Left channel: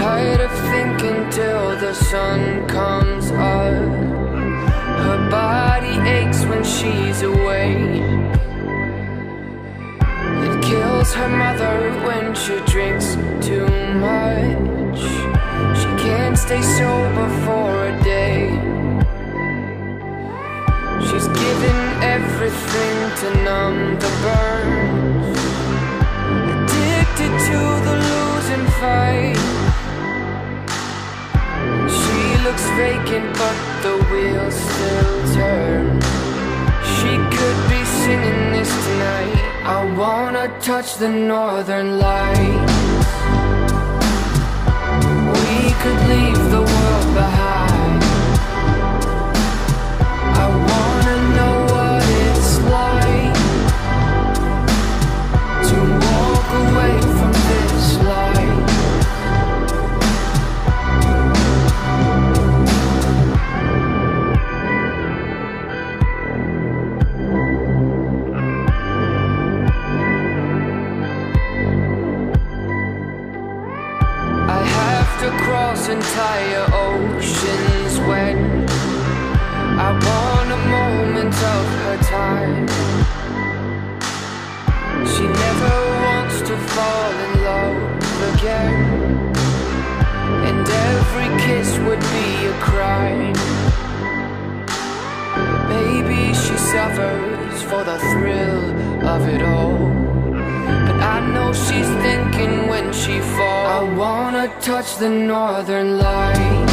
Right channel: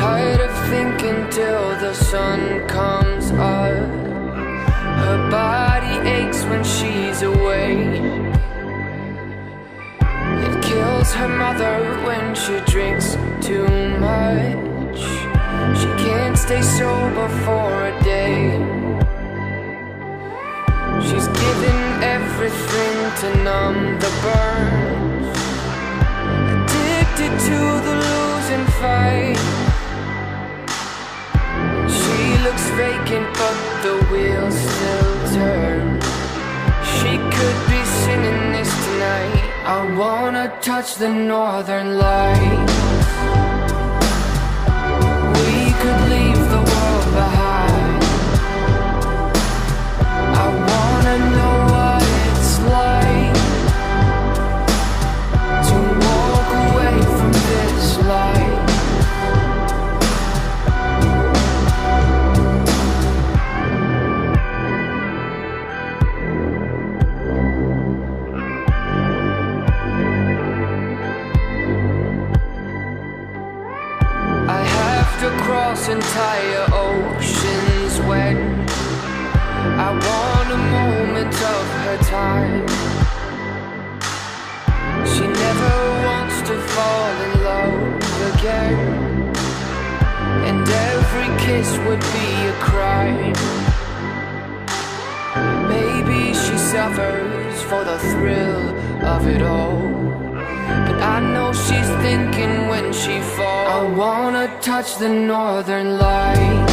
Tired of thinking till the sun comes up. Her body aches when she's away. It kills her mother when she drinks too much. She can't stay sober for a day. She's given everything to numb the burns. Addicted to the losing fight. She looks vacant but the wheels still turn. She could be singing this tonight. I wanna touch the northern lights. We could leave the world behind. I wanna know what it's like to walk away from this life. I have to cross entire oceans when I want a moment of her time. She never wants to fall in love again, and every kiss would be a crime. Maybe she suffers for the thrill of it all, but I know she's thinking when she falls. I wanna touch the northern light.